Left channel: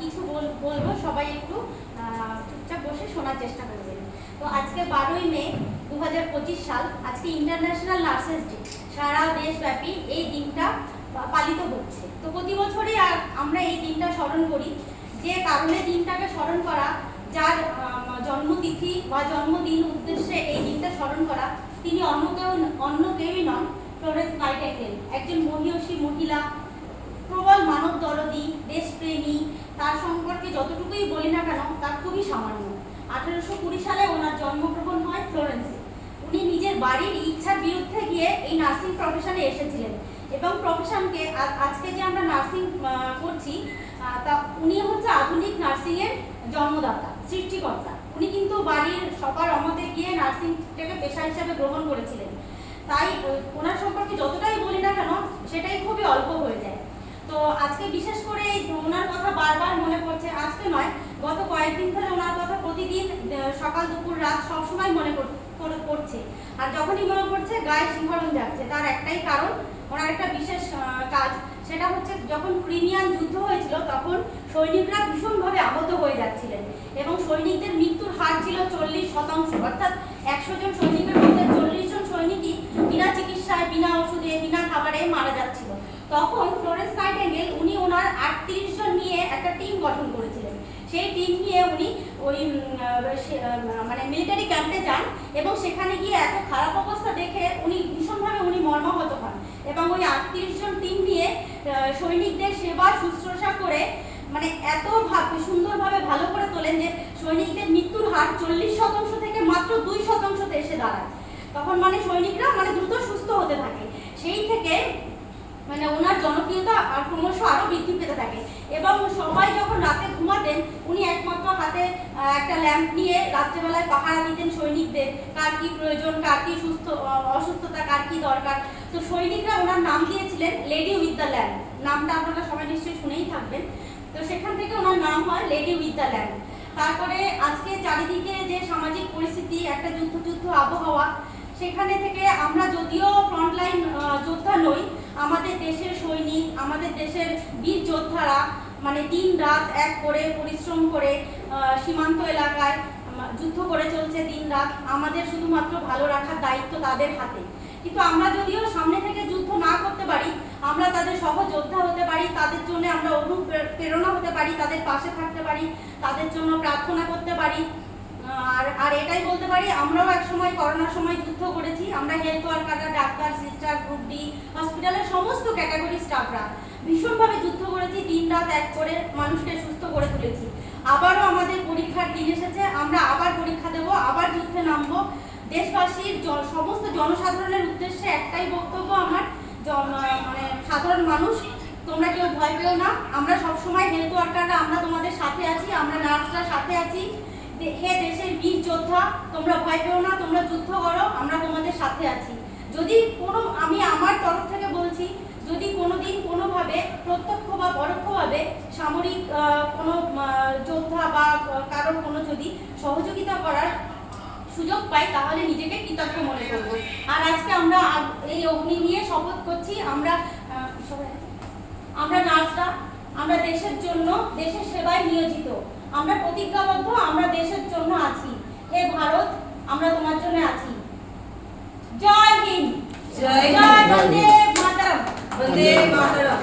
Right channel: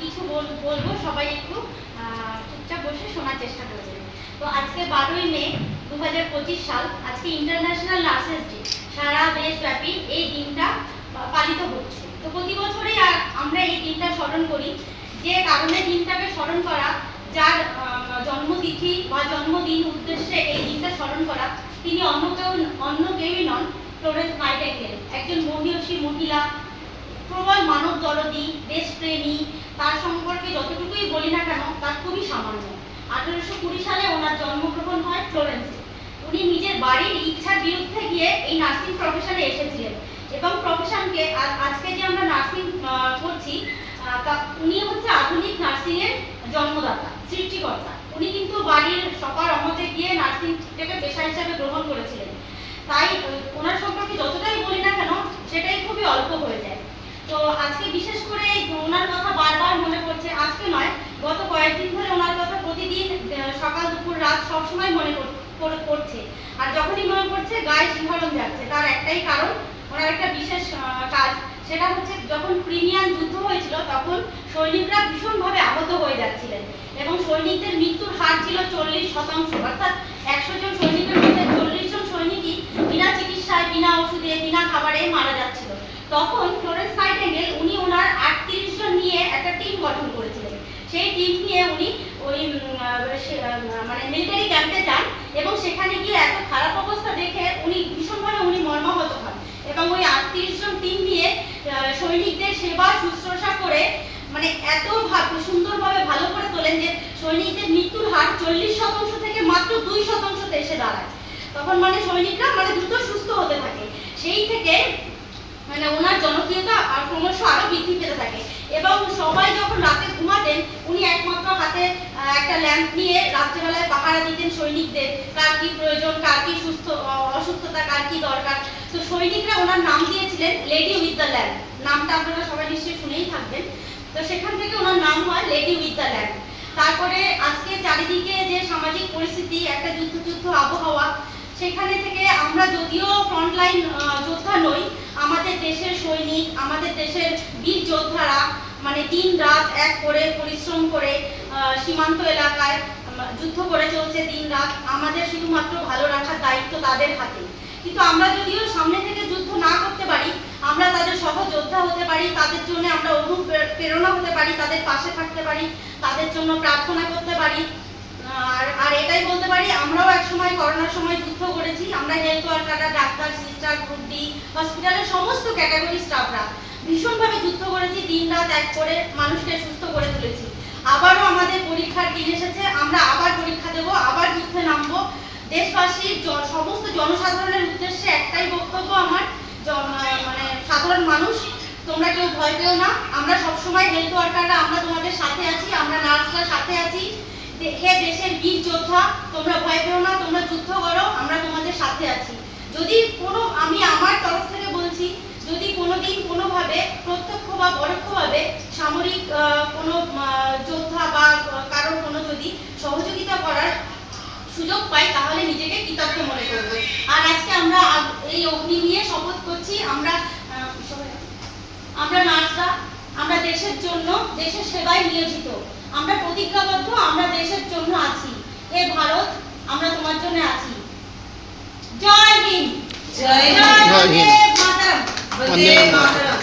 কিছু বলবো, সবাই একটু চুপচাপ বসে শোনার চেষ্টা করবেন। তো আজকে 12ই মে 2025 সাল, আজকে ইন্টারন্যাশনাল নার্সেস ডে। সারা দেশব্যাপী এই দিনটা পালিত হচ্ছে। তো প্রতি বছরই আমরা এই দিনটা স্মরণ করি। যে কারণে দিনটাকে স্মরণ করা, যার জন্মতিথি বা জন্মদিন উদ্দেশ্যে এই দিনটা স্মরণ করা, তিনি অন্য কেউই নন, ফ্লোরেন্স নাইটিঙ্গেল। একজন মহিয়সী মহিলা, প্রবল মানব দরদী, দেশপ্রেমী। তার সম্পর্কে যতটুকুই বলি না কেন তার খুবই সামান্য। 1820 সালে ওনার জন্মগ্রহণ হয় ফ্লোরেন্সে। উনি নিজের বাড়ির ইচ্ছার বিরুদ্ধে গিয়ে এই নার্সিং প্রফেশনে এসেছিলেন এবং প্রফেশনকে আজকে যে আমরা নার্সিং করছি, উনি হচ্ছে আধুনিক নার্সিংয়ের জন্মদাতা, সৃষ্টিকর্তা। উনি কিন্তু বাড়ির সবার অমতে গিয়ে নার্সিংটাকে পেশা হিসাবে গ্রহণ করেছিলেন। তাই ওনার সম্পর্কে যতটাই বলি না কেন সেটাই খুবই অল্প হয়ে যায়। তো আজকে বিশেষ করে ওনার কথা বারবার মনে পড়ছে। আজকে নয়, গত কয়েকদিন ধরে ওনার কথা প্রতিদিন সকাল দুপুর রাত সবসময় মনে পড়ছে। আর যখনই মনে পড়ছে গায়ে শিহরণ যাচ্ছে। তার একটাই কারণ, ওনার একটা বিশেষ কাজ। সেটা হচ্ছে যখন ক্রিমিয়ান যুদ্ধ হয়েছিল তখন সৈনিকরা ভীষণভাবে আহত হয়ে যাচ্ছিলেন এবং সৈনিকদের মৃত্যুর হার ছিল 40%। অর্থাৎ 100 জন সৈনিকের মধ্যে 40 জন সৈনিকই বিনা চিকিৎসায়, বিনা ওষুধে, বিনা খাবারে মারা যাচ্ছিল। তখন ফ্লোরেন্স নাইটিঙ্গেল উনি ওনার 38 জন নিয়ে একটা টিম গঠন করেছিলেন। সেই টিম নিয়ে উনি ওই মানে মিলিটারি ক্যাম্পে যান এবং সেখানে গিয়ে এত খারাপ অবস্থা দেখে উনি ভীষণভাবে মর্মাহত হন এবং ওই 38 জন টিম নিয়ে সৈনিকদের সেবা শুশ্রূষা করে মানে এত সুন্দরভাবে ভালো করে তোলেন যে সৈনিকদের মৃত্যুর হার 40% থেকে মাত্র 2%তে এসে দাঁড়ায়। তখন মানে সৈনিকরা দ্রুত সুস্থ হতে থাকে। সেই থেকে মানে ওনার জনপ্রিয়তা ক্রমশ আরো বৃদ্ধি পেতে থাকে এবং সবাই যখন রাতে ঘুমাতেন উনি একমাত্র হাতে একটা ল্যাম্প নিয়ে রাত্রেবেলায় পাহারা দিতেন সৈনিকদের, কার কি প্রয়োজন, কার কি অসুস্থতা, কার কি দরকার। তো সৈনিকরা ওনার নাম দিয়েছিলেন লেডি উইথ দ্য ল্যাম্প। নামটা আপনারা সবাই নিশ্চয়ই শুনেই থাকবেন। তো সেখান থেকে ওনার নাম হয় লেডি উইথ দ্য ল্যাম্প। তারপরে আজকে চারিদিকে যে সামাজিক পরিস্থিতি, একটা যুদ্ধ আবহাওয়া, সেখানে থেকে আমরা যদিও ফ্রন্টলাইন যোদ্ধা নই, আমাদের দেশের সৈনিক, আমাদের দেশের বীর যোদ্ধারা মানে দিন রাত এক করে পরিশ্রম করে সীমান্ত এলাকায় যুদ্ধ করে চলছে দিন রাত। আমাদের শুধুমাত্র ভালো রাখার দায়িত্ব তাদের হাতে। কিন্তু আমরা যদিও সামনে থেকে যুদ্ধ না করতে পারি, আমরা তাদের সহযোদ্ধা হতে পারি, তাদের জন্য আমরা অনুপ্রেরণা হতে পারি, তাদের পাশে থাকতে পারি, তাদের জন্য প্রার্থনা করতে পারি। আর এটাই বলতে পারি, আমরাও একসময় করোনার সময় যুদ্ধ করেছি। আমরা হেলথ ওয়ার্কাররা, ডাক্তার, সিস্টার, গ্রুপ ডি হসপিটালের সমস্ত ক্যাটাগরি স্টাফরা ভীষণভাবে যুদ্ধ করেছি, দিন রাত এক করে মানুষকে সুস্থ করে তুলেছি। আবারও আমাদের পরীক্ষার দিন এসেছে, আমরা আবার পরীক্ষা দেব, আবার যুদ্ধে নামবো। দেশবাসীর সমস্ত জনসাধারণের উদ্দেশ্যে একটাই বক্তব্য আমার, মানে সাধারণ মানুষ, তোমরা কেউ ভয় পেও না। আমরা সবসময় হেলথ ওয়ার্কাররা আমরা তোমাদের সাথে আছি, আমরা নার্সরা সাথে আছি। হে দেশের বীর যোদ্ধা, তোমরা ভয় পেও না, তোমরা যুদ্ধ করো, আমরা তোমাদের সাথে আছি। যদি আমি আমার তরফ থেকে বলছি, যদি কোনোদিন কোনোভাবে প্রত্যক্ষ বা পরোক্ষভাবে সামরিক কোনো যোদ্ধা বা কারোর কোনো যদি সহযোগিতা করার সুযোগ পাই তাহলে নিজেকে কৃতজ্ঞ মনে করব। আর আজকে আমরা এই অগ্নি নিয়ে শপথ করছি, আমরা নার্সরা, আমরা দেশের জন্য, দেশের সেবায় নিয়োজিত। আমরা প্রতিজ্ঞাবদ্ধ, আমরা দেশের জন্য আছি। হে ভারত, আমরা তোমার জন্য আছি। জয় হিন্দ, জয় হিন্দ, বন্দে মাতরম, বন্দে মাতরম।